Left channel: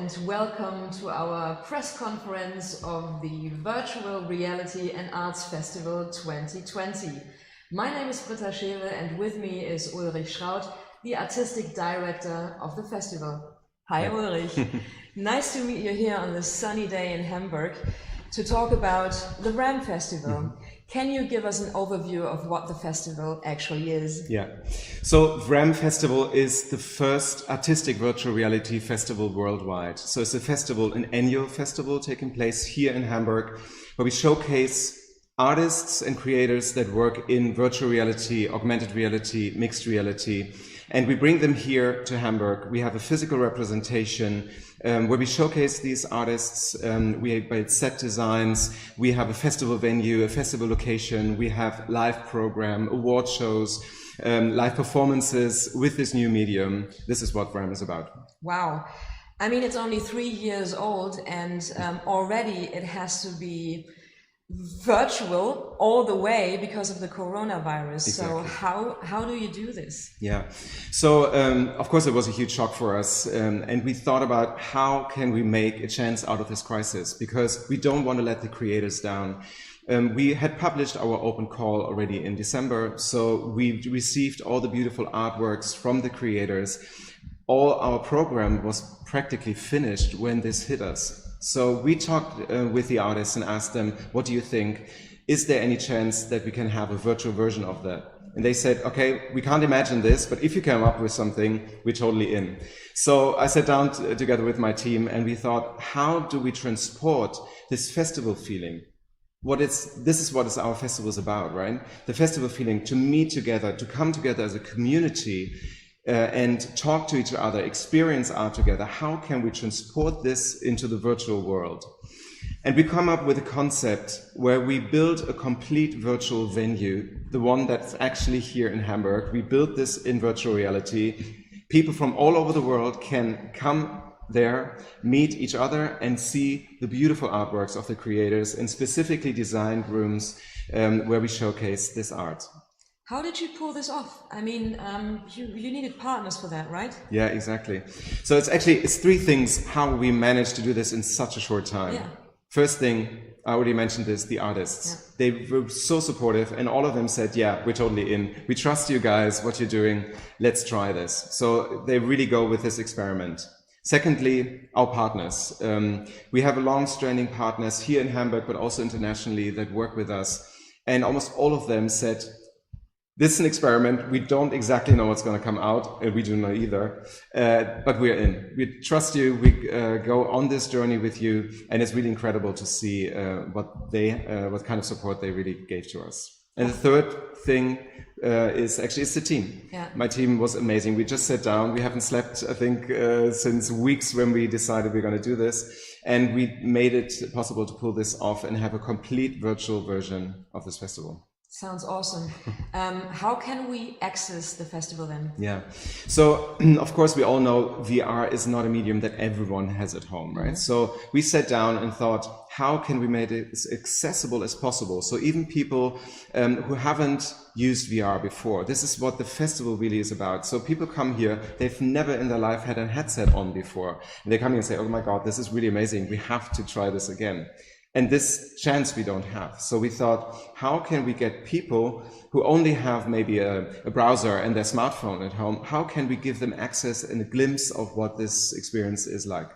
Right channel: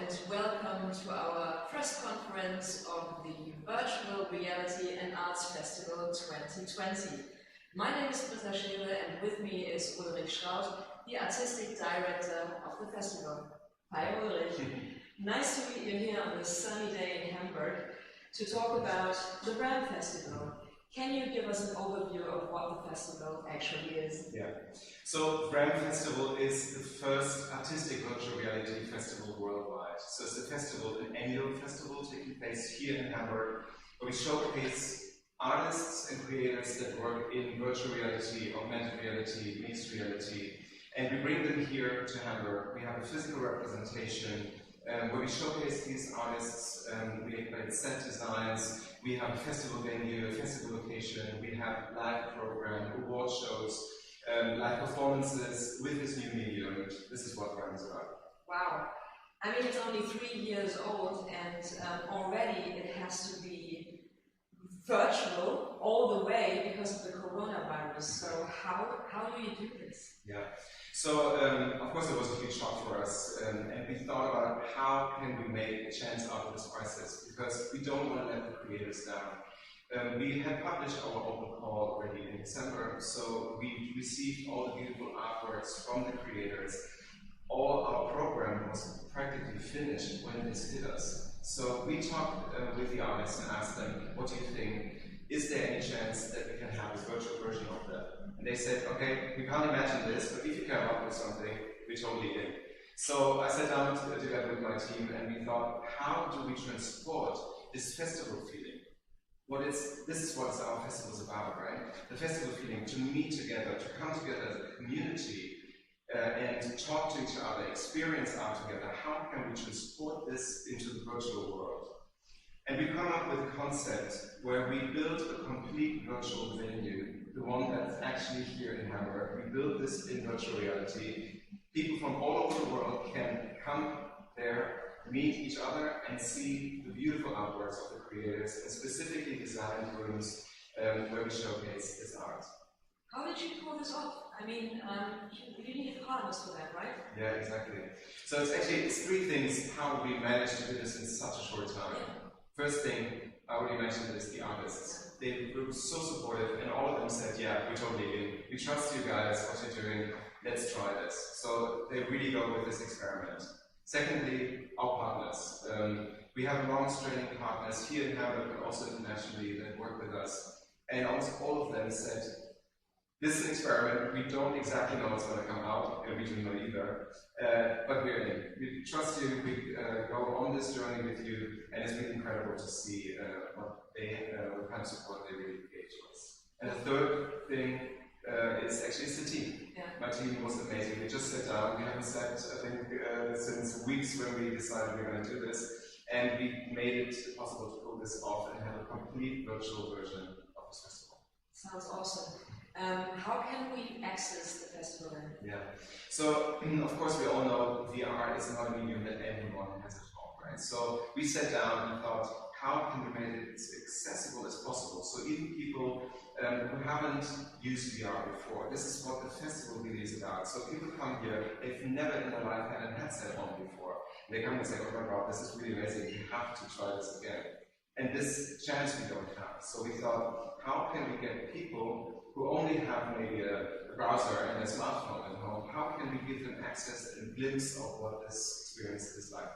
And welcome to our press conference of the Virtual Reality and Arts Festival 2020. My name is Britta Schere and with me is Ulrich Schrauth, the artistic director of the festival. Hi Ulrich, nice to meet you here on this sunny day in Hamburg to talk about the VRHAM Festival. Can you give us an overview of what the festival actually is? Yeah, so VRHAM Festival is the first artistic virtual reality festival worldwide. So it's a festival, an annual festival taking place here in Hamburg, where we showcase artists and creators that work in virtual reality, augmented reality, mixed reality, and we bring them here to Hamburg. We have a physical representation where we showcase these artists. We build set designs, we have a festival venue, a festival location, we have live program, award shows, live performances with this new medium. This is what VRHAM is about. Wow. I mean, it's only 3 years old and already it has to be virtual all the way because of the coronavirus. Exactly. So how do you do this? Yeah, so of course it was a huge shock for us, and we thought about how can we make a chance out of this crisis, because we don't want to let the creators down. We had published our open call already in December, so we received all the beautiful artworks from the creators. All our program was practically finished when this hit us. So we talked with the artists and asked them, what do you think? Is there any chance that we can have a virtual version of that? And they said, okay, we can't imagine this, but if you come up with something, we're totally in. So I sat down together with my team and we thought, how do we transport this festival feeling? This is what our festival is about, right? The festival feeling, to meet together, to come together as a community, and talk to each other, experience art together. How can we transport this into the virtual world? And we come up with a concept where we build a complete virtual venue, the one that's actually here in Hamburg. We built this in virtual reality. People from all over the world can come there, meet each other and see the beautiful artworks of the creators in specifically designed rooms where we showcase this art. How did you pull this off? I mean, you needed partners for that, right? Yeah, exactly. So it's 3 things how we managed to do this in such a short time. Yeah. First thing, I already mentioned this, the artists. Yeah. They were so supportive and all of them said, yeah, we're totally in. We trust you guys, what you're doing, let's try this. So they really go with this experiment. Secondly, our partners. We have long-standing partners here in Hamburg, but also internationally that work with us. And almost all of them said, this is an experiment. We don't exactly know what's going to come out, and we do not either, but we're in. We trust you. We go on this journey with you, and it's really incredible to see what kind of support they really gave to us. And the third thing is the team. Yeah. My team was amazing. We just sat down. We haven't slept, I think, since weeks when we decided we're going to do this, and we made it possible to pull this off and have a complete virtual version of this festival. Sounds awesome. How can we access the festival then? Yeah, so of course we all know VR is not a medium that everyone has at home, right? Mm-hmm. So we sat down and thought, how can we make it as accessible as possible? So even people who haven't used VR before, this is what the festival really is about. So people come here, they've never in their life had a headset on before. And they come here and say, oh my God, this is really amazing. We have to try this again. And this chance we don't have. So we thought, how can we get people who only have maybe a browser and their smartphone at home, how can we give them access and a glimpse of what this experience is like?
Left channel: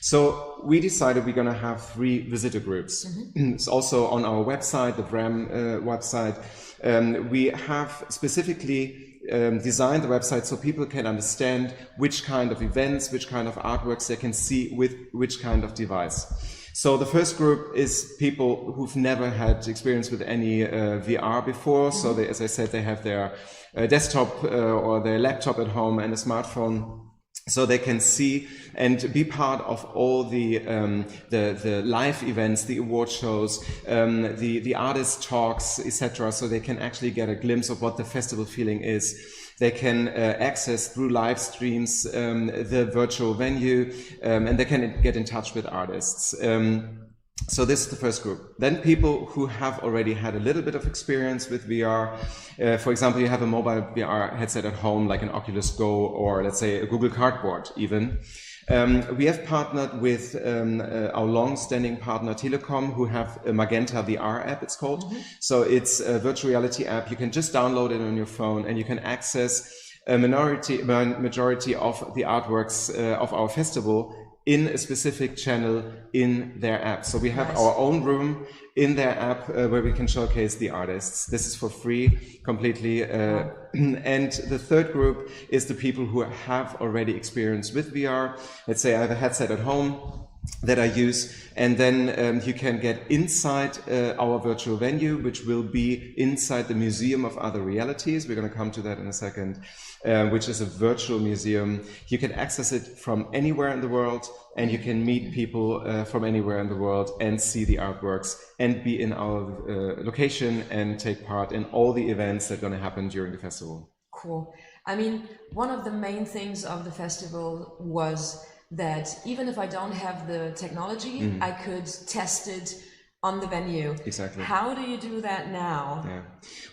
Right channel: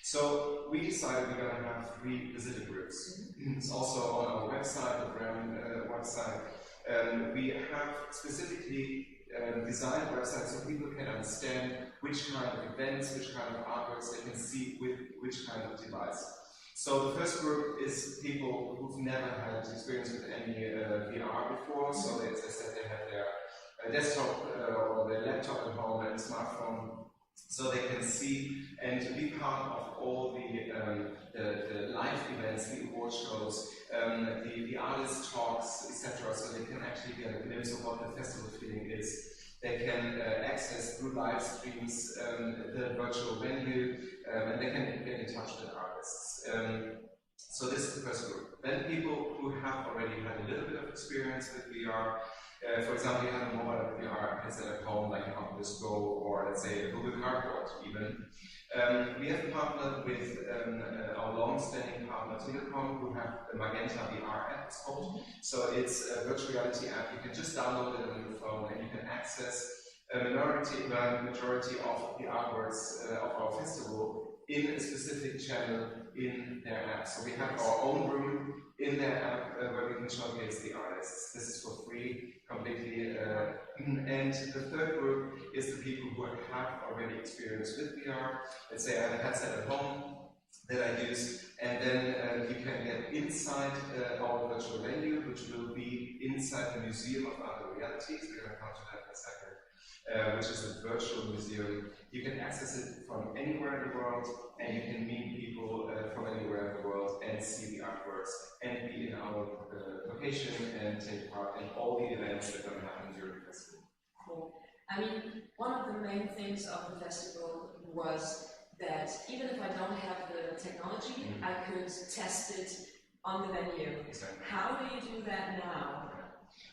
So we decided we're going to have 3 visitor groups. Mm-hmm. It's also on our website, the VRHAM website. We have specifically designed the website so people can understand which kind of events, which kind of artworks they can see with which kind of device. So the first group is people who've never had experience with any VR before. So they, as I said, they have their desktop or their laptop at home and a smartphone. So they can see and be part of all the live events, the award shows, the artist talks, etc. So they can actually get a glimpse of what the festival feeling is. They can access through live streams the virtual venue, and they can get in touch with artists. So this is the first group. Then people who have already had a little bit of experience with VR. For example, you have a mobile VR headset at home, like an Oculus Go, or let's say a Google Cardboard even. We have partnered with our long-standing partner Telecom, who have a Magenta VR app, it's called. So it's a virtual reality app. You can just download it on your phone and you can access a majority of the artworks of our festival in a specific channel in their app. So we have our own room in their app where we can showcase the artists. This is for free completely. And the third group is the people who have already experience with VR. Let's say I have a headset at home that I use, and then you can get inside our virtual venue, which will be inside the Museum of Other Realities. We're going to come to that in a second, which is a virtual museum. You can access it from anywhere in the world, and you can meet people from anywhere in the world and see the artworks and be in our location and take part in all the events that are going to happen during the festival. Cool. I mean, one of the main things of the festival was that even if I don't have the technology, I could test it on the venue. Exactly. How do you do that now? Yeah,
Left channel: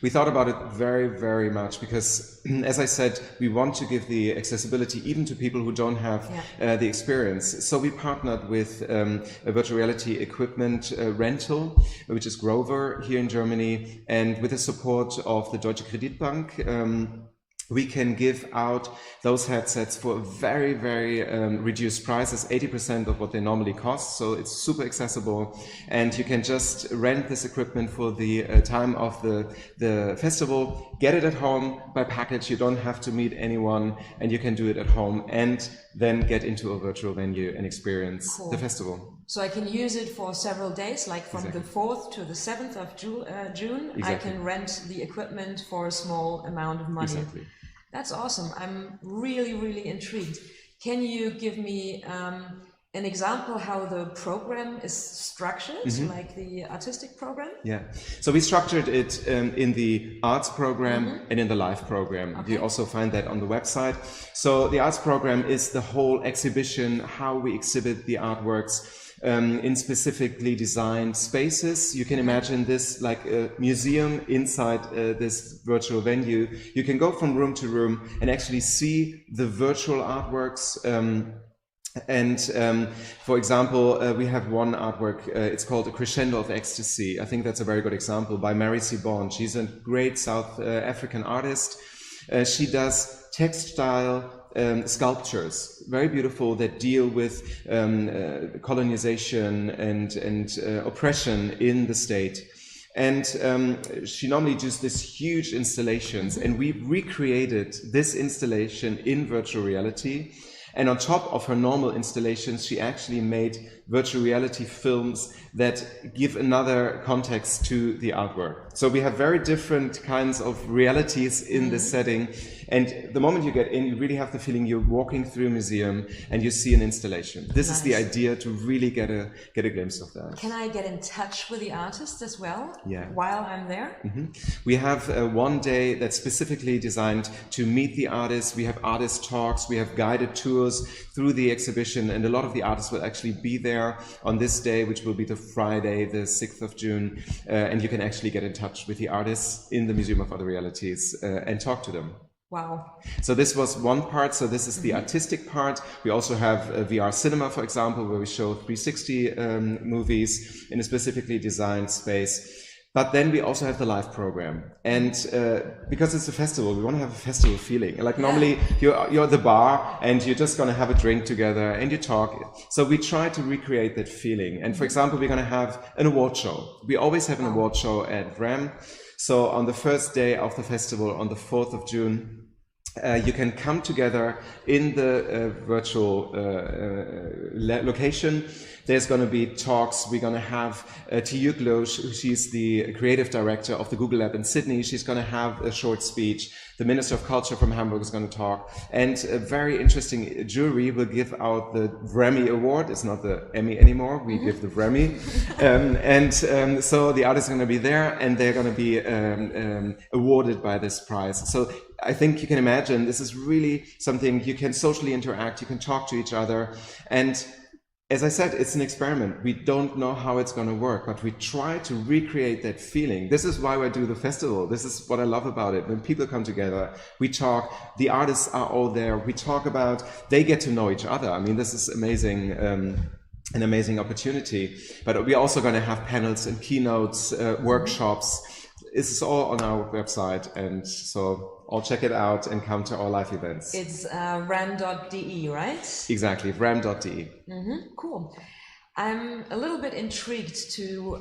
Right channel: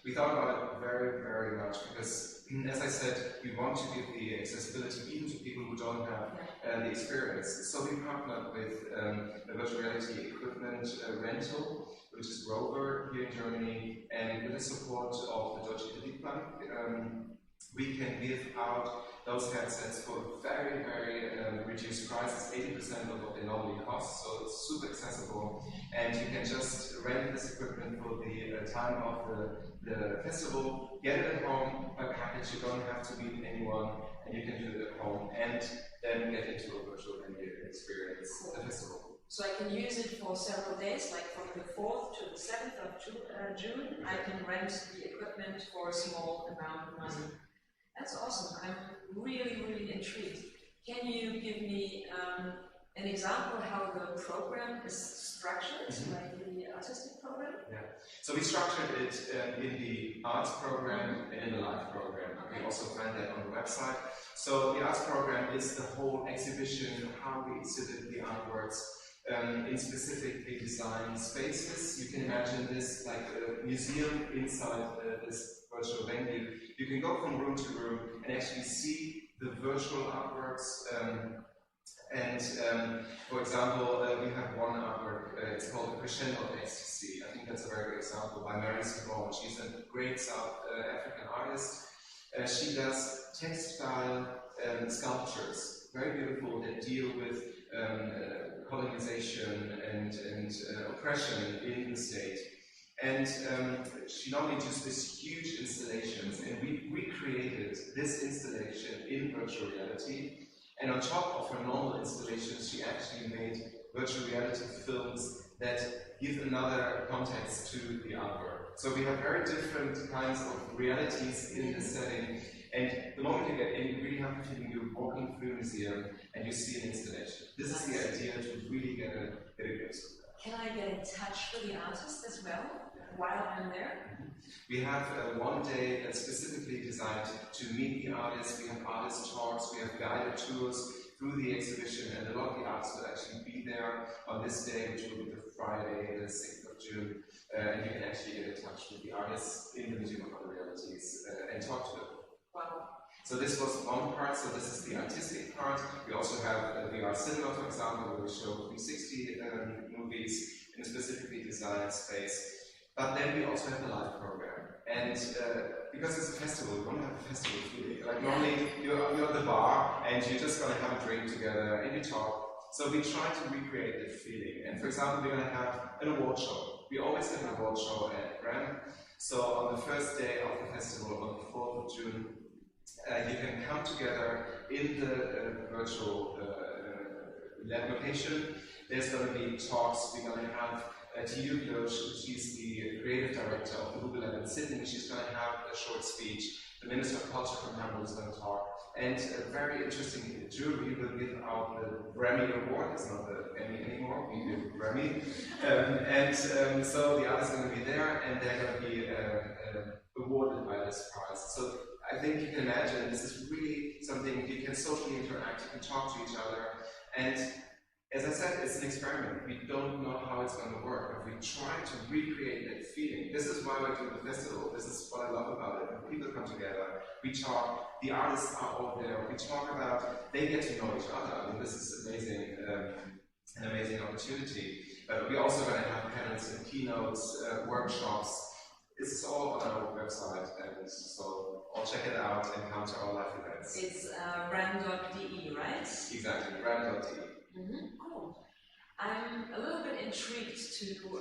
we thought about it very, very much because, as I said, we want to give the accessibility even to people who don't have the experience. So we partnered with a virtual reality equipment rental, which is Grover here in Germany, and with the support of the Deutsche Kreditbank, we can give out those headsets for very, very reduced prices, 80% of what they normally cost. So it's super accessible, and you can just rent this equipment for the time of the festival, get it at home by package. You don't have to meet anyone, and you can do it at home and then get into a virtual venue and experience the festival. So I can use it for several days, like from the 4th to the 7th of June. I can rent the equipment for a small amount of money. That's awesome. I'm really, really intrigued. Can you give me an example how the program is structured, like the artistic program? Yeah. So we structured it in the arts program and in the live program. Okay. You also find that on the website. So the arts program is the whole exhibition, how we exhibit the artworks in specifically designed spaces. You can imagine this like a museum inside this virtual venue. You can go from room to room and actually see the virtual artworks. For example, we have one artwork, it's called A Crescendo of Ecstasy. I think that's a very good example by Mary Sibon. She's a great South African artist. She does textile sculptures, very beautiful, that deal with colonization and oppression in the state. And she normally does these huge installations, and we recreated this installation in virtual reality. And on top of her normal installations, she actually made virtual reality films that give another context to the artwork. So we have very different kinds of realities in this setting. And the moment you get in, you really have the feeling you're walking through a museum and you see an installation. This is the idea, to really get a glimpse of that. Can I get in touch with the artist as well? Yeah. While I'm there? We have one day that's specifically designed to meet the artists. We have artist talks, we have guided tours through the exhibition, and a lot of the artists will actually be there on this day, which will be the Friday, the 6th of June. And you can actually get in touch with the artists in the Museum of Other Realities and talk to them. Wow. So this was one part. So this is the artistic part. We also have a VR cinema, for example, where we show 360 movies in a specifically designed space. But then we also have the live program. And because it's a festival, we want to have a festival feeling. Like normally you're at the bar and you're just going to have a drink together and you talk. So we try to recreate that feeling. And for example, we're going to have an award show. We always have an award show at VRHAM. So on the first day of the festival, on the 4th of June, you can come together in the virtual location. There's going to be talks. We're going to have Tiyuk Loesch, she's the creative director of the Google Lab in Sydney. She's going to have a short speech. The Minister of Culture from Hamburg is going to talk. And a very interesting jury will give out the VRHAM award. It's not the Emmy anymore. We give the VRHAM. So the artists are going to be there, and they're going to be awarded by this prize. So I think you can imagine this is really something you can socially interact, you can talk to each other, and as I said, it's an experiment. We don't know how it's going to work, but we try to recreate that feeling. This is why I do the festival. This is what I love about it. When people come together, we talk, the artists are all there, we talk about, they get to know each other. I mean, this is amazing, an amazing opportunity. But we're also going to have panels and keynotes, workshops. This is all on our website, and so all check it out and come to our live events. It's VRHAM.de, right? Exactly, VRHAM.de. Cool. I'm a little bit intrigued to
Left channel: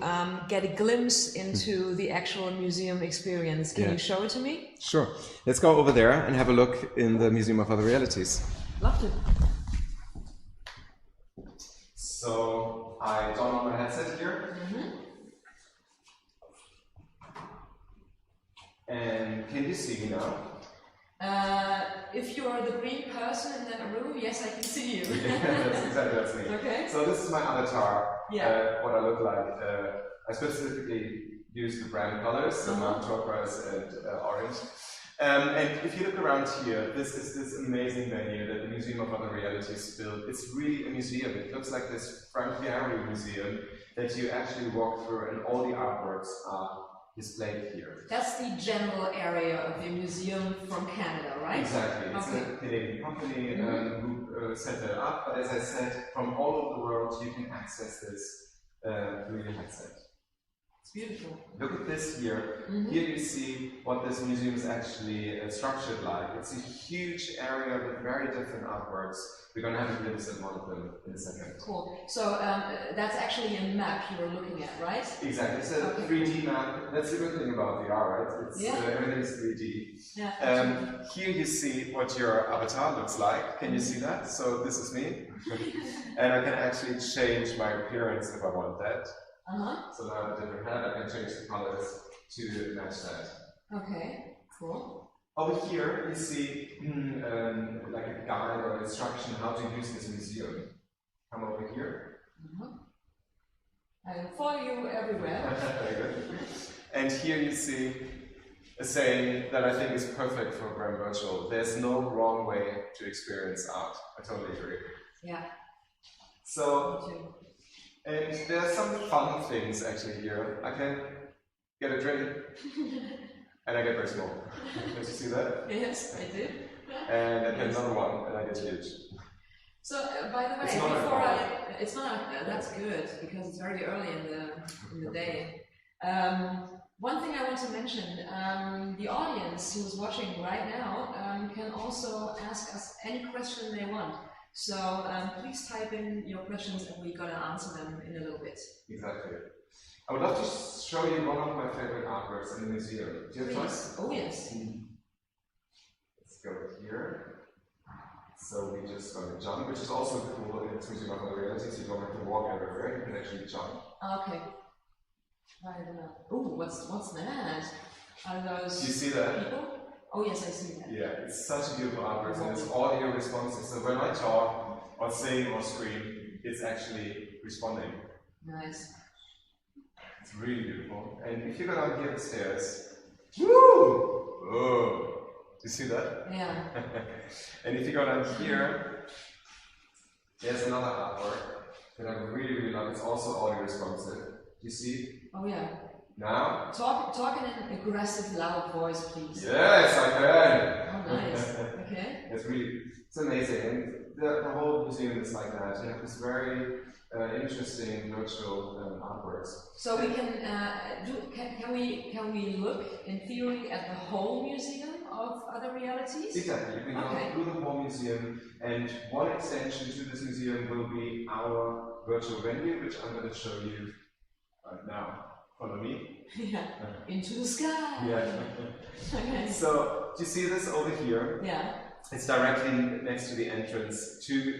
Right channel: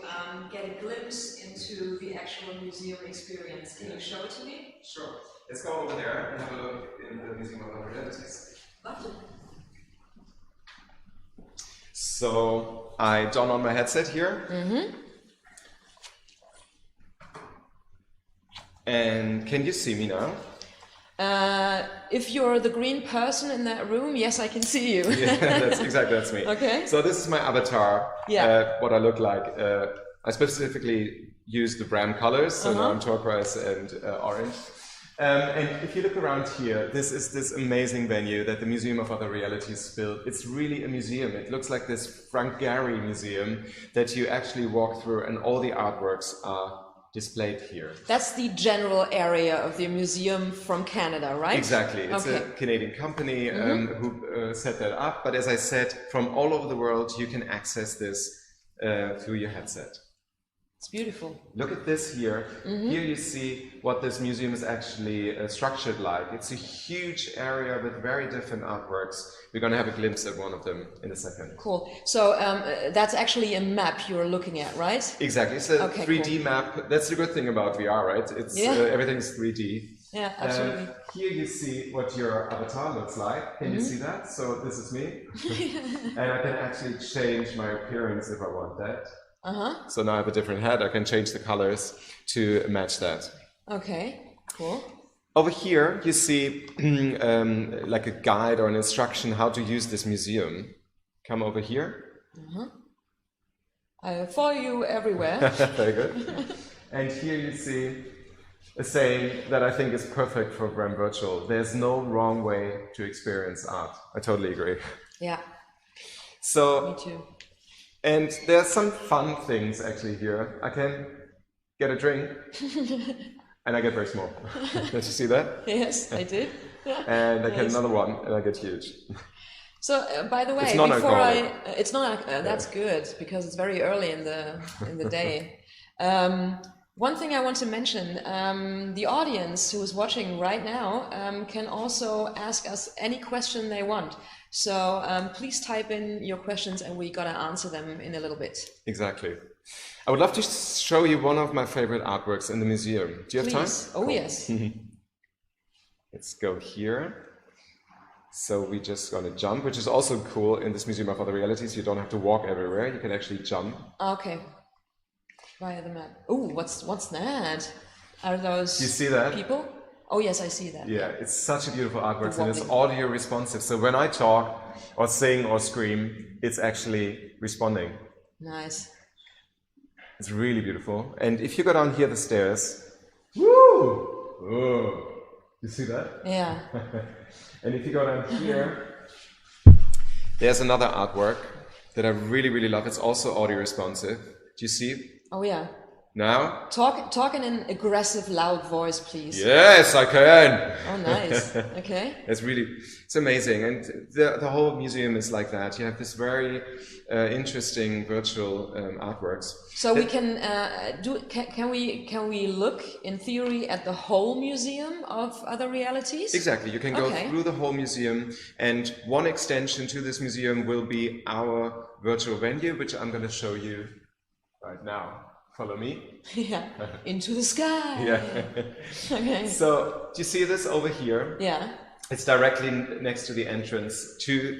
get a glimpse into the actual museum experience. Can you show it to me? Sure. Let's go over there and have a look in the Museum of Other Realities. Love to. So I don on my headset here. And can you see me now? If you're the green person in that room, yes, I can see you. Yeah, that's me. Okay. So this is my avatar. Yeah. What I look like. I specifically use the VRHAM colors, so turquoise and orange. And if you look around here, this is this amazing venue that the Museum of Other Realities built. It's really a museum. It looks like this Frank Gehry museum that you actually walk through, and all the artworks are displayed here. That's the general area of the museum from Canada, right? Exactly. It's a Canadian company who set that up. But as I said, from all over the world, you can access this through your headset. It's beautiful. Look at this here. Here you see what this museum is actually structured like. It's a huge area with very different artworks. We're going to have a glimpse at one of them in a second. Cool. So that's actually a map you're looking at, right? Exactly. It's a 3D map. That's the good thing about VR, right? It's everything's 3D. Yeah, absolutely. Here you see what your avatar looks like. Can you see that? So this is me. And I can actually change my appearance if I want that. So now I have a different head. I can change the colors to match that. Okay, cool. Over here, you see like a guide or an instruction how to use this museum. Come over here. I follow you everywhere. Very good. And here you see a saying that I think is perfect for VRHAM Virtual. There's no wrong way to experience art. I totally agree. Yeah. So, me too. And there are some fun things actually here. I can get a drink and I get very small. Did you see that? Yes, I did. And I get another one and I get huge. So, by the way, it's not alcoholic. It's not. That's good because it's very early in the day. One thing I want to mention: the audience who is watching right now can also ask us any question they want. So please type in your questions and we're gonna answer them in a little bit. Exactly. I would love to show you one of my favorite artworks in the museum. Do you have time? Oh, yes. Let's go here. So we just gonna jump, which is also cool in this Museum of Other Realities. You don't have to walk everywhere. You can actually jump. Okay. Via the map. Oh, what's that? Are those you see that? people? Oh yes, I see that. Yeah, it's such a beautiful artwork and it's audio responsive. So when I talk or sing or scream, it's actually responding. Nice. It's really beautiful. And if you go down here the stairs, woo! Oh, do you see that? Yeah. And if you go down here, there's another artwork that I really, really love. It's also audio responsive. Do you see? Oh yeah. Now? Talk in an aggressive, loud voice, please. Yes, I can. Oh, nice. Okay. It's amazing, and the whole museum is like that. You have this very interesting virtual artworks. So we can can we look in theory at the whole museum of Other Realities? Exactly. You can go through the whole museum, and one extension to this museum will be our virtual venue, which I'm going to show you right now. Follow me. Yeah. Into the sky. Yeah. Okay. So, do you see this over here? Yeah. It's directly next to the entrance to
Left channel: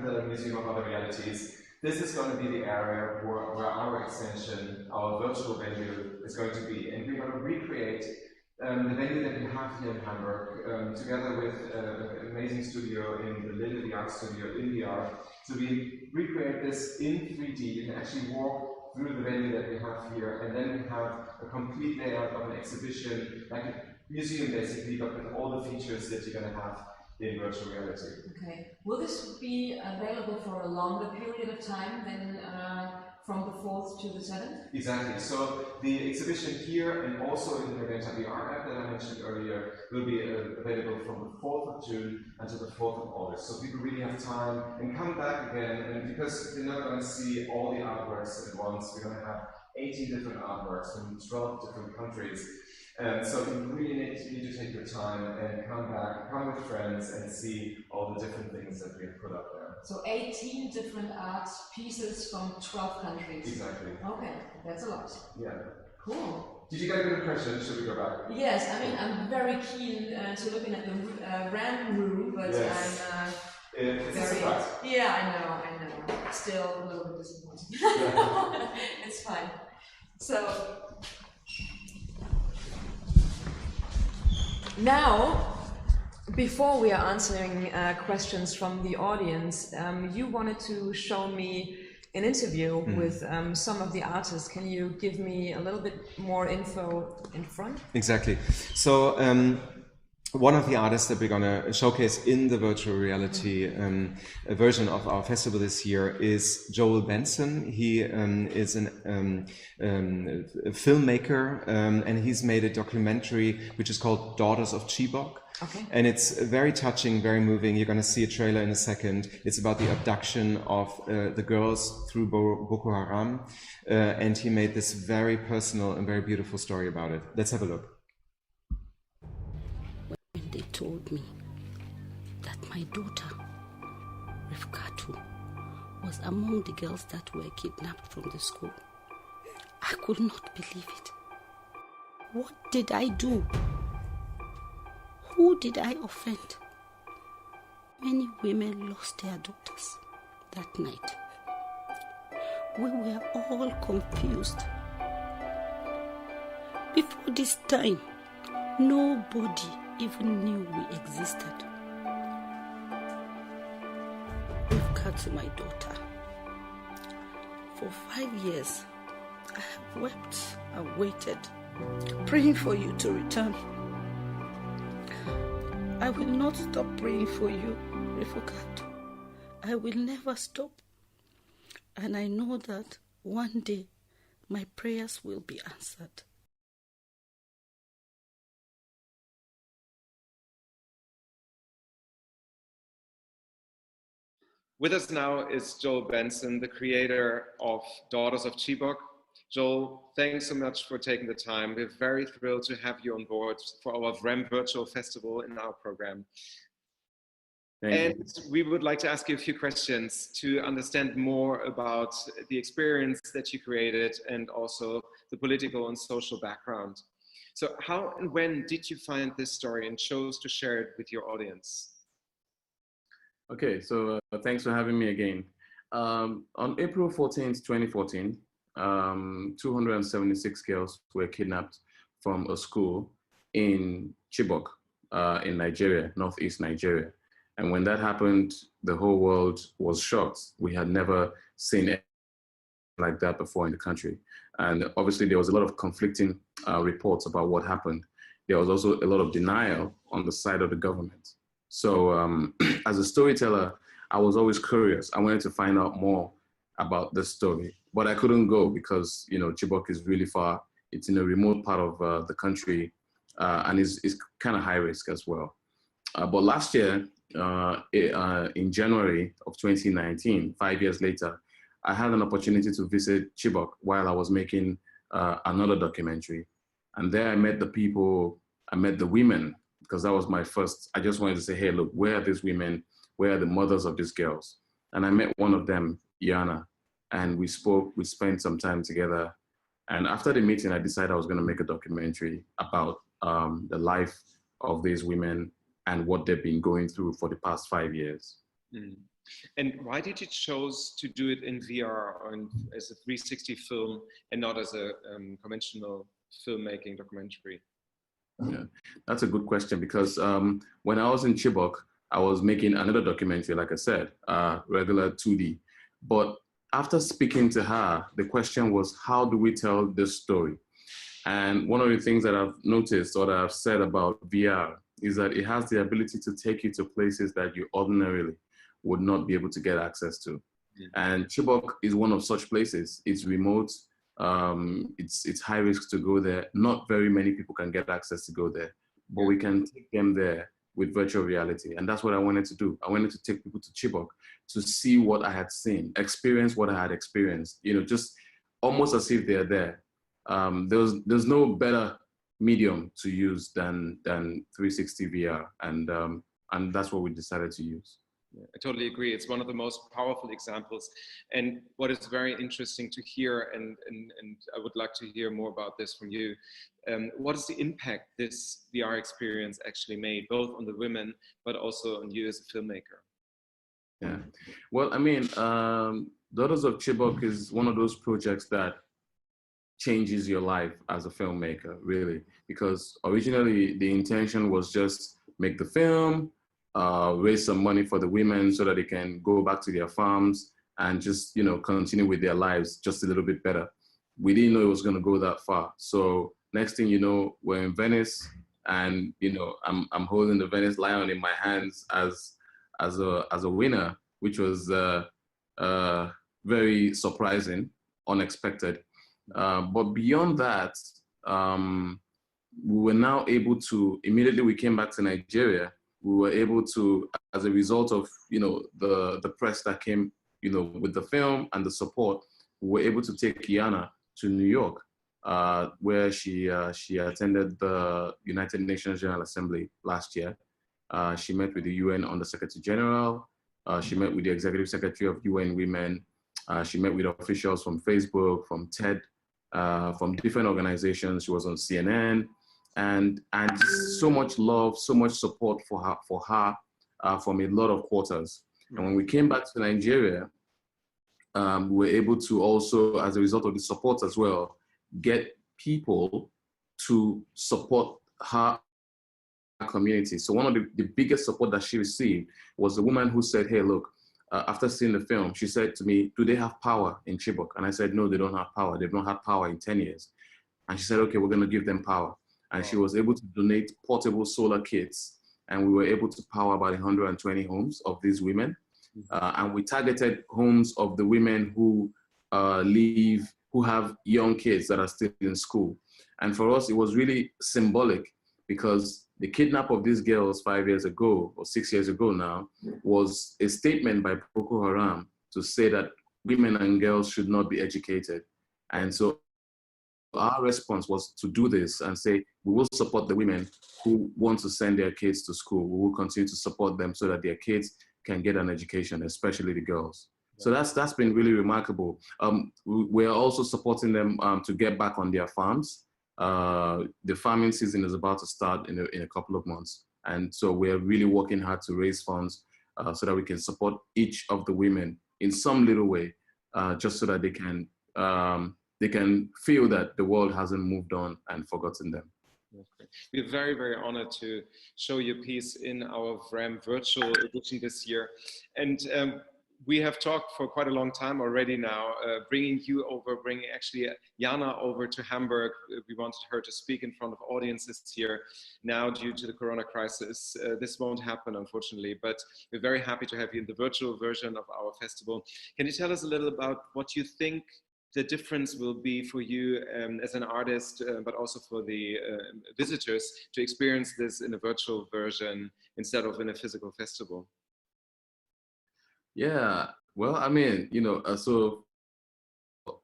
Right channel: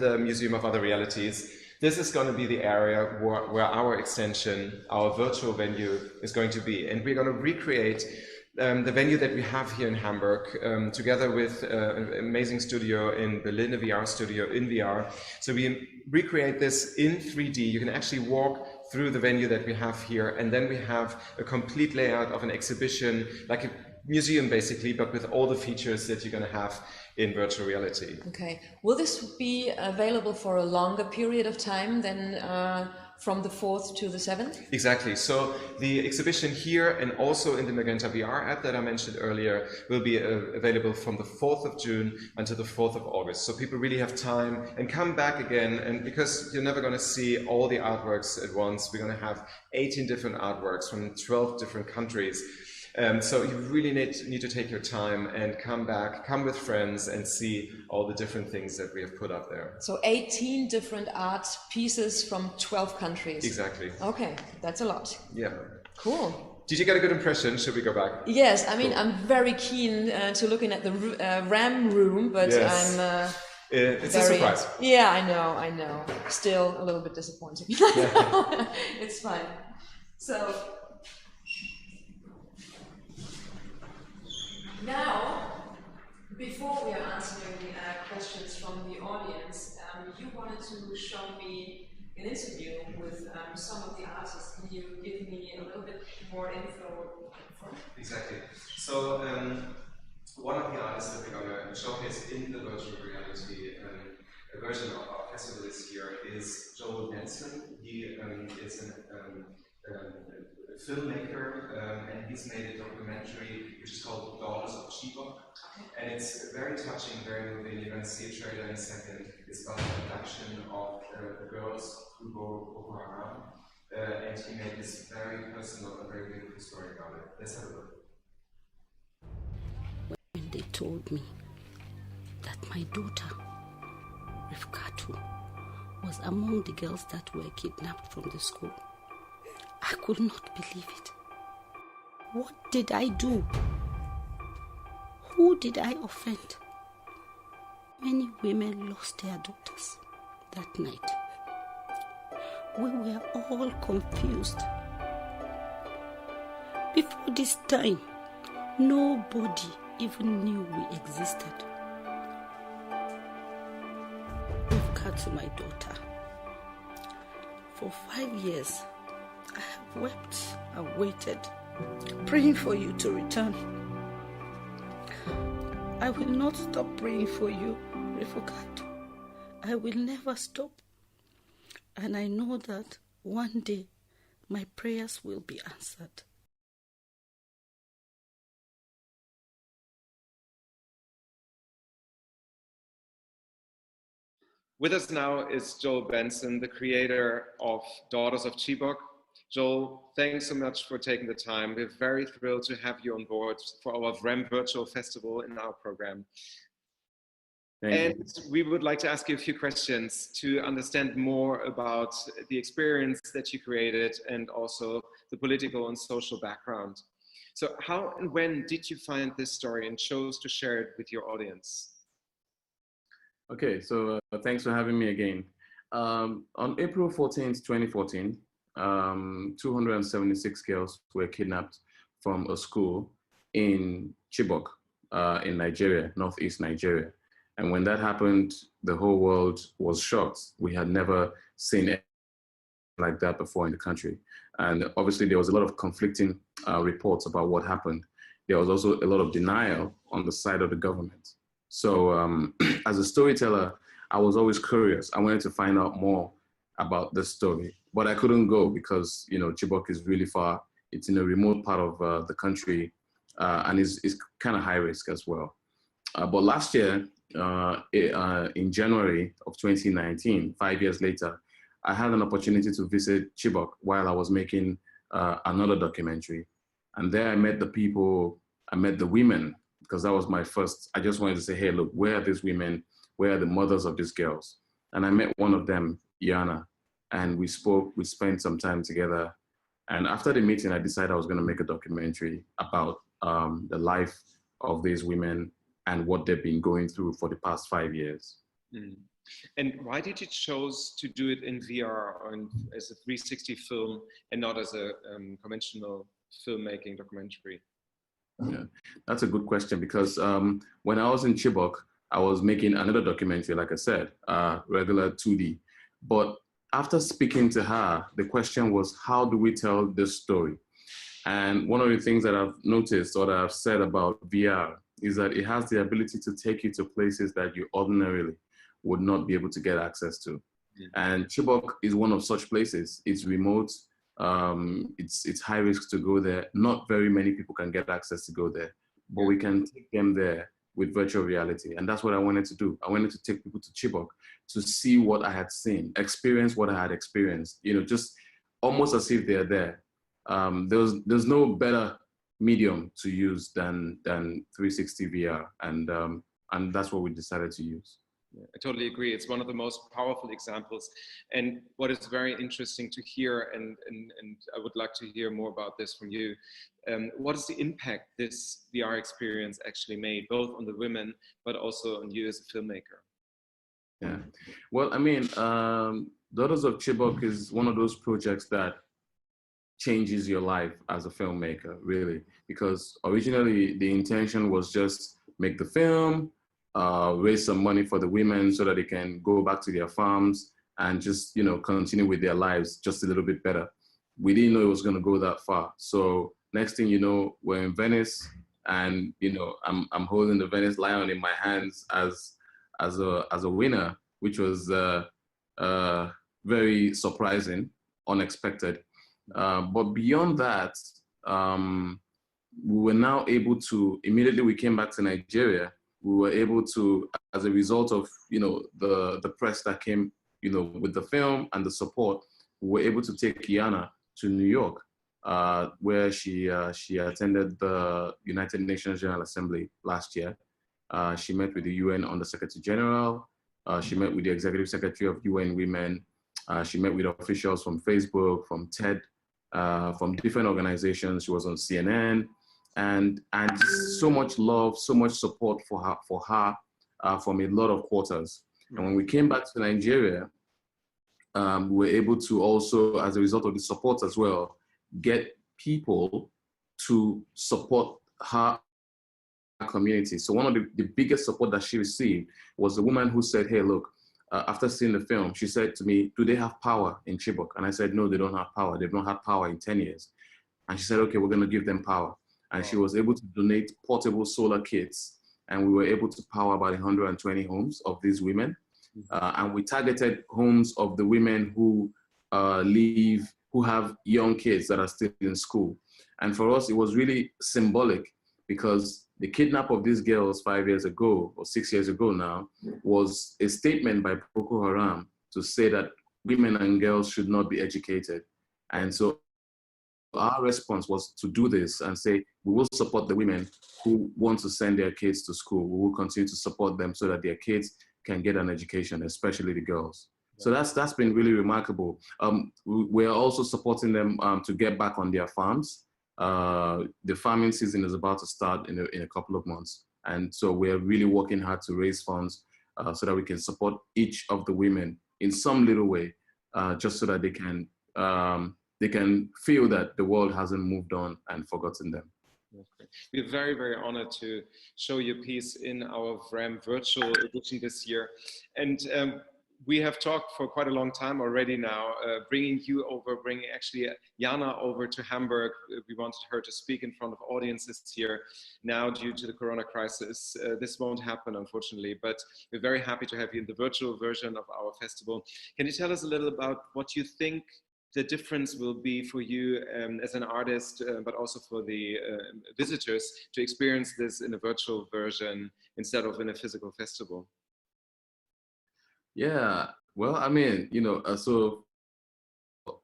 the Museum of Other Realities. This is going to be the area where our extension, our virtual venue, is going to be. And we're going to recreate the venue that we have here in Hamburg, together with an amazing studio in Berlin, a VR studio in VR. So we recreate this in 3D. You can actually walk through the venue that we have here, and then we have a complete layout of an exhibition, like a museum basically, but with all the features that you're going to have in virtual reality. Okay. Will this be available for a longer period of time than from the 4th to the 7th? Exactly. So the exhibition here and also in the Magenta VR app that I mentioned earlier will be available from the 4th of June until the 4th of August. So people really have time and come back again. And because you're never going to see all the artworks at once, we're going to have 18 different artworks from 12 different countries. So you really need to take your time and come back, come with friends and see all the different things that we have put up there. So 18 different art pieces from 12 countries. Exactly. Okay, that's a lot. Yeah. Cool. Did you get a good impression? Should we go back? Yes, I mean, I'm very keen to looking at the VRHAM room, but yes. I'm... it's a surprise. Yeah, I know. Still a little bit disappointing. It's fine. So... Now, before we are answering questions from the audience, you wanted to show me an interview with some of the artists. Can you give me a little bit more info in front? Exactly. So one of the artists that we're going to showcase in the virtual reality version of our festival this year is Joel Benson. He is a filmmaker and he's made a documentary which is called Daughters of Chibok. Okay. And it's very touching, very moving. You're going to see a trailer in a second. It's about the abduction of the girls through Boko Haram. And he made this very personal and very beautiful story about it. Let's have a look. When they told me that my daughter, Rifkatu, was among the girls that were kidnapped from the school, I could not believe it. What did I do? Who did I offend? Many women lost their daughters that night. We were all confused. Before this time, nobody even knew we existed. Rifkatu, my daughter. For 5 years, I have wept and waited, praying for you to return. I will not stop praying for you, Rifkatu. I will never stop. And I know that one day my prayers will be answered. With us now is Joel Benson, the creator of Daughters of Chibok. Joel, thanks so much for taking the time. We're very thrilled to have you on board for our VRHAM virtual festival in our program. And we would like to ask you a few questions to understand more about the experience that you created and also the political and social background. So how and when did you find this story and chose to share it with your audience? Okay, so thanks for having me again. On April 14th, 2014, 276 girls were kidnapped from a school in Chibok, in Nigeria, northeast Nigeria. And when that happened, the whole world was shocked. We had never seen anything like that before in the country. And obviously there was a lot of conflicting reports about what happened. There was also a lot of denial on the side of the government. So as a storyteller, I was always curious. I wanted to find out more about this story, but I couldn't go because, you know, Chibok is really far. It's in a remote part of the country and is kind of high risk as well. But last year, in January of 2019, 5 years later, I had an opportunity to visit Chibok while I was making another documentary. And there I met the people, I met the women, because that was my first, I just wanted to say, hey, look, where are these women? Where are the mothers of these girls? And I met one of them, Yana, and we spoke, we spent some time together. And after the meeting, I decided I was gonna make a documentary about the life of these women and what they've been going through for the past 5 years. Mm. And why did you choose to do it in VR or as a 360 film and not as a conventional filmmaking documentary? Yeah, that's a good question because when I was in Chibok, I was making another documentary, like I said, regular 2D. But after speaking to her, the question was, how do we tell this story? And one of the things that I've noticed or that I've said about VR is that it has the ability to take you to places that you ordinarily would not be able to get access to. And Chibok is one of such places. It's remote. It's high risk to go there. Not very many people can get access to go there, but we can take them there with virtual reality. And that's what I wanted to do. I wanted to take people to Chibok to see what I had seen, experience what I had experienced, you know, just almost as if they're there. There's no better medium to use than 360 VR. And that's what we decided to use. Yeah, I totally agree. It's one of the most powerful examples. And what is very interesting to hear, and I would like to hear more about this from you, what is the impact this VR experience actually made, both on the women, but also on you as a filmmaker? Yeah, well, I mean, Daughters of Chibok is one of those projects that changes your life as a filmmaker, really, because originally the intention was just make the film, raise some money for the women so that they can go back to their farms and just, you know, continue with their lives just a little bit better. We didn't know it was going to go that far. So next thing you know, we're in Venice, and, you know, I'm holding the Venice Lion in my hands as a winner, which was very surprising, unexpected. But beyond that, we were now able to, immediately we came back to Nigeria, we were able to, as a result of, you know, the press that came, you know, with the film and the support, we were able to take Kiana to New York, where she attended the United Nations General Assembly last year. She met with the UN Under Secretary General. She met with the Executive Secretary of UN Women. She met with officials from Facebook, from TED, from different organizations. She was on CNN. And so much love, so much support for her from a lot of quarters. And when we came back to Nigeria, we were able to also, as a result of the support as well, get people to support her community. So one of the biggest support that she received was the woman who said, hey, look, after seeing the film, she said to me, do they have power in Chibok? And I said, no, they don't have power. They've not had power in 10 years. And she said, okay, we're going to give them power. And she was able to donate portable solar kits. And we were able to power about 120 homes of these women. And we targeted homes of the women who who have young kids that are still in school. And for us, it was really symbolic, because the kidnap of these girls 5 years ago, or 6 years ago now, was a statement by Boko Haram to say that women and girls should not be educated. And so our response was to do this and say, we will support the women who want to send their kids to school. We will continue to support them so that their kids can get an education, especially the girls. So that's been really remarkable. We're also supporting them to get back on their farms. The farming season is about to start in a couple of months. And so we're really working hard to raise funds so that we can support each of the women in some little way, just so that they can feel that the world hasn't moved on and forgotten them. Okay. We're very, very honored to show your piece in our VRHAM virtual edition this year. And we have talked for quite a long time already now, bringing you over, bringing actually Jana over to Hamburg. We wanted her to speak in front of audiences here. Now, due to the Corona crisis, this won't happen, unfortunately, but we're very happy to have you in the virtual version of our festival. Can you tell us a little about what you think the difference will be for you as an artist, but also for the visitors to experience this in a virtual version instead of in a physical festival? Yeah, well, I mean, you know, so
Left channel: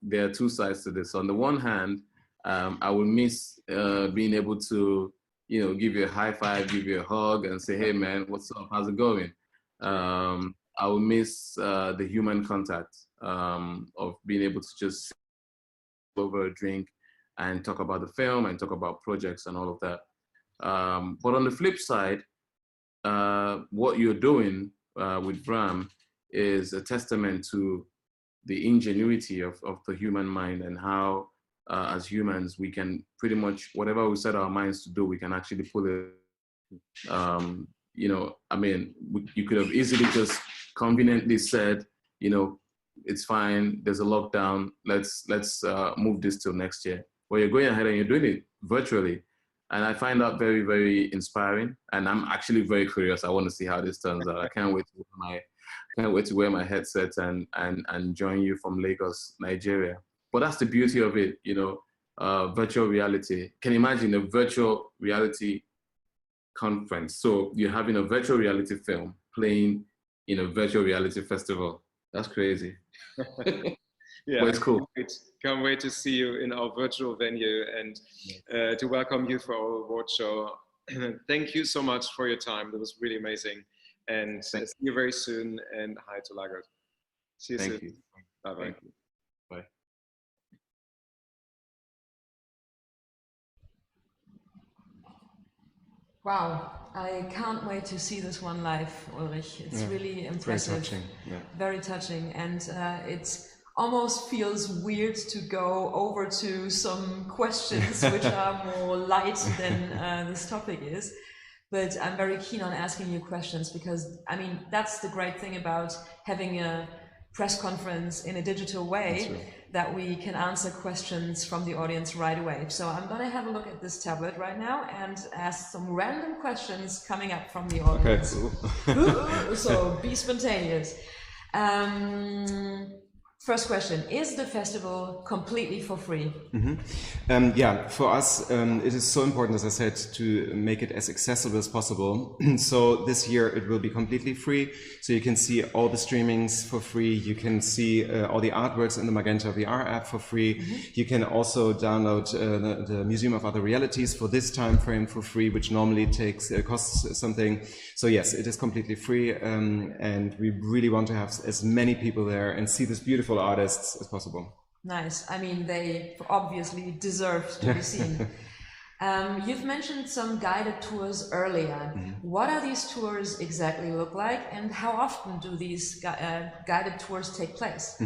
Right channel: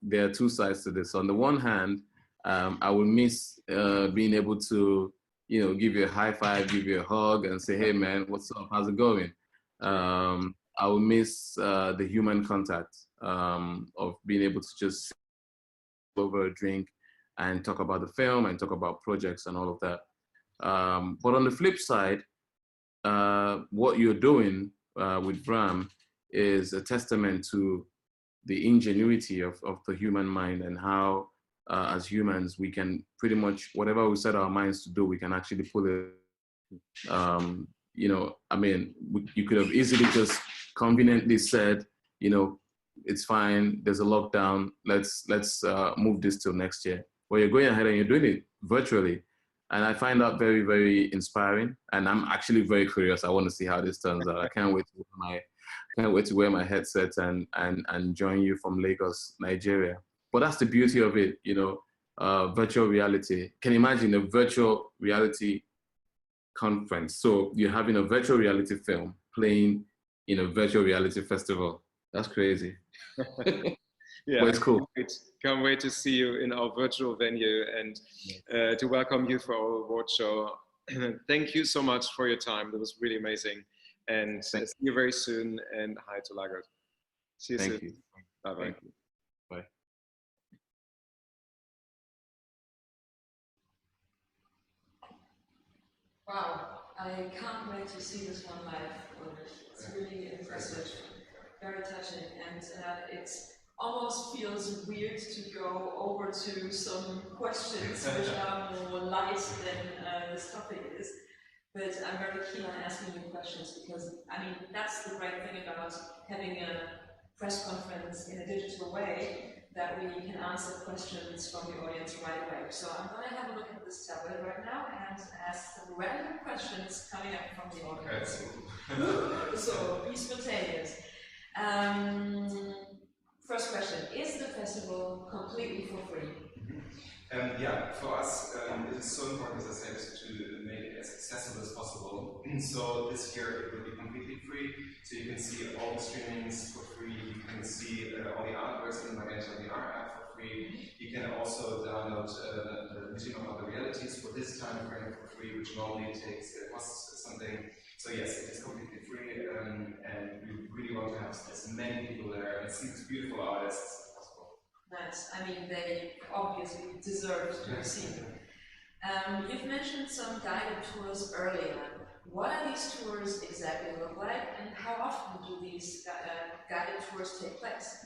there are two sides to this. On the one hand, I would miss being able to, you know, give you a high five, give you a hug and say, hey man, what's up, how's it going? I would miss the human contact of being able to just sit over a drink and talk about the film and talk about projects and all of that. But on the flip side, what you're doing with VRHAM is a testament to the ingenuity of the human mind, and how as humans we can pretty much, whatever we set our minds to do, we can actually pull it. You know, I mean, you could have easily just conveniently said, you know, it's fine, there's a lockdown, let's move this till next year. Well, you're going ahead and you're doing it virtually. And I find that very, very inspiring. And I'm actually very curious. I want to see how this turns out. I can't wait to wear my headset and join you from Lagos, Nigeria. But that's the beauty of it, virtual reality. Can you imagine a virtual reality conference? So you're having a virtual reality film playing in a virtual reality festival. That's crazy. Yeah, but it's cool. Can't wait to see you in our virtual venue and to welcome you for our award show. Thank you so much for your time. That was really amazing. And see you very soon. And hi to Lagarde. See you soon. Thank you. Bye-bye. Thank you. Bye. Wow, I can't wait to see this one live, Ulrich. It's really impressive. Very touching. Yeah. Very touching. And it almost feels weird to go over to some questions which are more light than this topic is. But I'm very keen on asking you questions because, I mean, that's the great thing about having a press conference in a digital way, that we can answer questions from the audience right away. So I'm going to have a look at this tablet right now and ask some random questions coming up from the audience. Okay. So be spontaneous. First question, is the festival completely for free? Yeah, for us, it is so important, as I said, to make it as accessible as possible. So this year it will be completely free. So you can see all the streamings for free. You can see all the artworks in the Magenta VR app for free. You can also download the Museum of Other Realities for this time frame for free, which normally costs something. So yes, it is completely free, and we really want to have as many people there and see these beautiful artists as possible. Nice. I mean, they obviously deserve to be seen. You've mentioned some guided tours earlier. What are these tours exactly look like, and how often do these guided tours take place?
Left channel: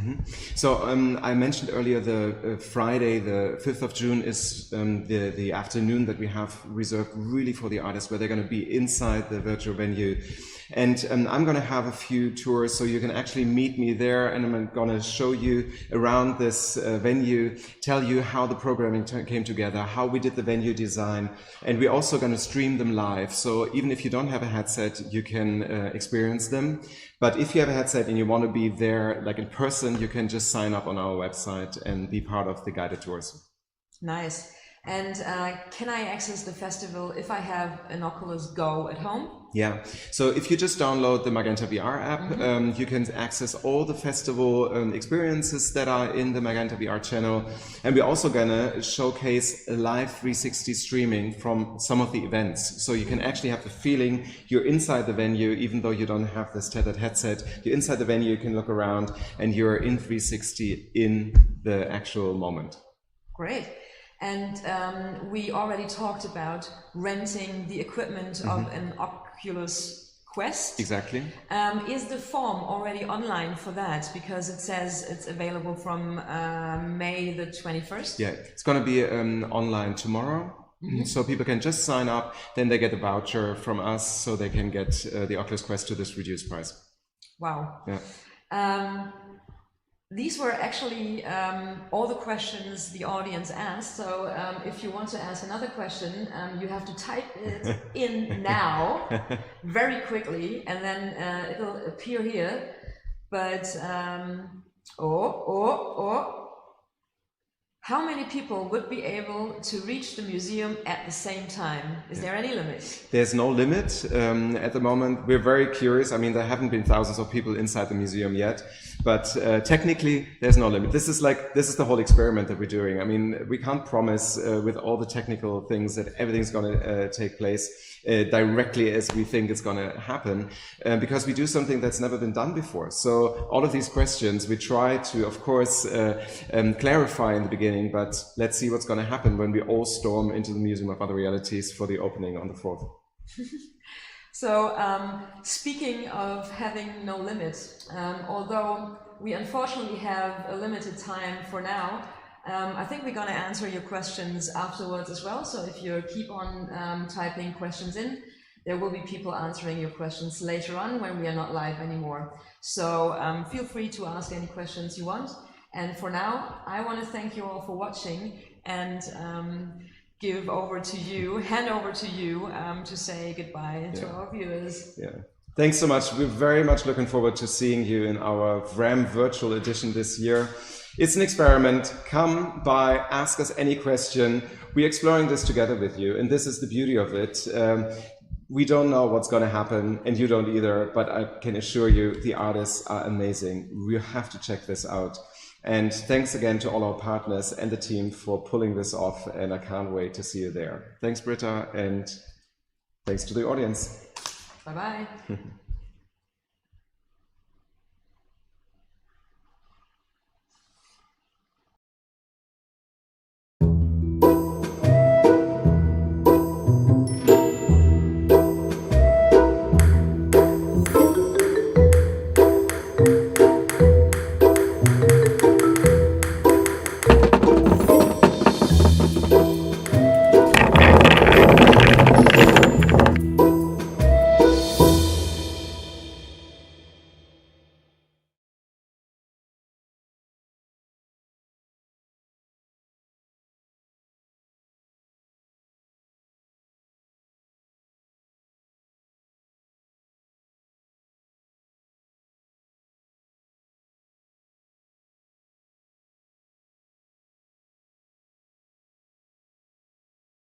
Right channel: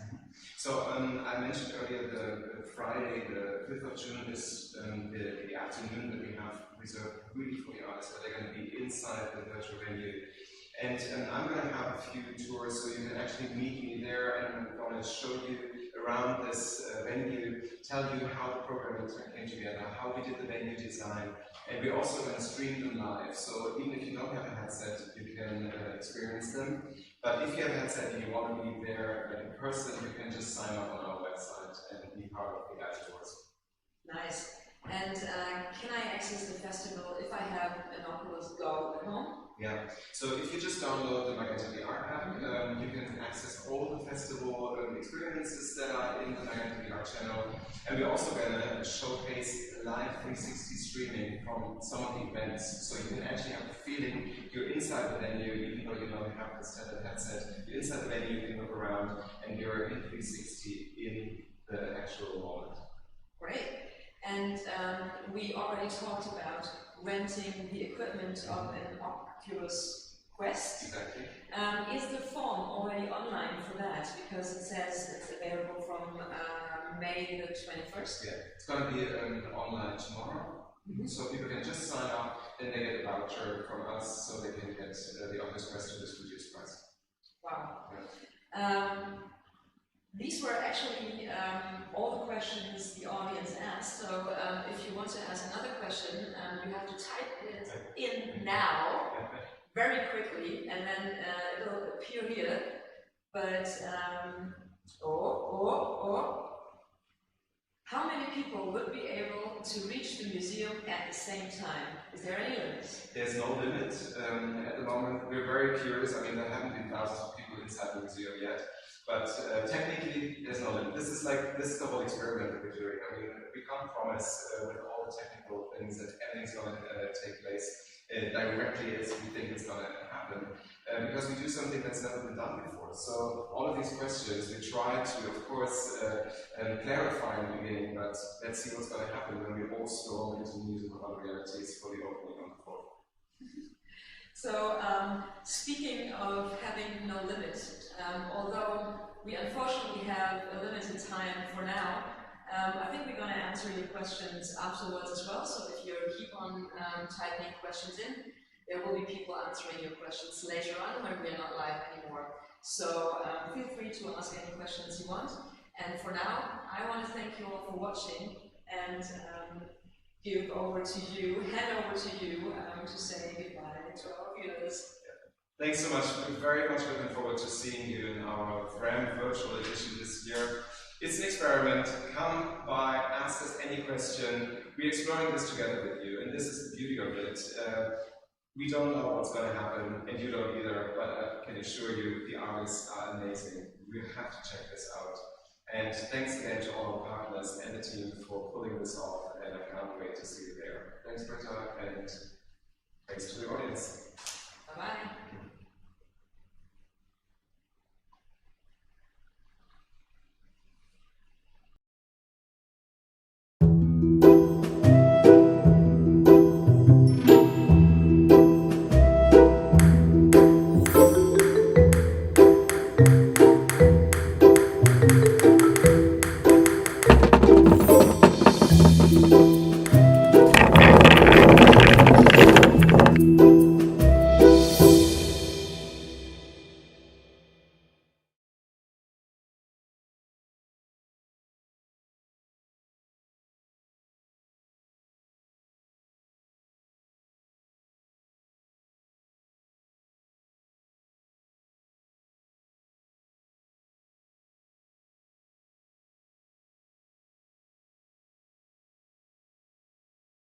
So I mentioned earlier the Friday, the 5th of June is the afternoon that we have reserved really for the artists, where they're going to be inside the virtual venue. And I'm going to have a few tours, so you can actually meet me there, and I'm going to show you around this venue, tell you how the programming came together, how we did the venue design, and we're also going to stream them live. So even if you don't have a headset, you can experience them. But if you have a headset and you want to be there, like in person, you can just sign up on our website and be part of the guided tours. Nice. And can I access the festival if I have an Oculus Go at home? Yeah, so if you just download the Magenta VR app, you can access all the festival experiences that are in the Magenta VR channel. And we're also gonna showcase a live 360 streaming from some of the events. So you can actually have the feeling you're inside the venue, even though you don't have this tethered headset. You're inside the venue, you can look around, and you're in 360 in the actual moment. Great. And we already talked about renting the equipment of an Oculus Quest. Exactly. Is the form already online for that? Because it says it's available from May the 21st. Yeah, it's going to be online tomorrow. So people can just sign up, then they get a voucher from us so they can get the Oculus Quest to this reduced price. Wow. Yeah. These were actually all the questions the audience asked. So if you want to ask another question, you have to type it in now, very quickly, and then it'll appear here. But, how many people would be able to reach the museum at the same time? Is there any limit? There's no limit at the moment. We're very curious. I mean, there haven't been thousands of people inside the museum yet, but technically there's no limit. This is the whole experiment that we're doing. I mean, we can't promise with all the technical things that everything's going to take place directly as we think it's going to happen, because we do something that's never been done before. So all of these questions we try to, of course, clarify in the beginning, but let's see what's going to happen when we all storm into the Museum of Other Realities for the opening on the 4th. So speaking of having no limit, although we unfortunately have a limited time for now, I think we're going to answer your questions afterwards as well. So if you keep on typing questions in, there will be people answering your questions later on when we are not live anymore. So feel free to ask any questions you want. And for now, I want to thank you all for watching. And hand over to you to say goodbye to our viewers. Yeah. Thanks so much. We're very much looking forward to seeing you in our VRHAM virtual edition this year. It's an experiment. Come by, ask us any question. We're exploring this together with you, and this is the beauty of it. We don't know what's going to happen, and you don't either, but I can assure you the artists are amazing. You have to check this out. And thanks again to all our partners and the team for pulling this off, and I can't wait to see you there. Thanks, Britta, and thanks to the audience. Bye-bye.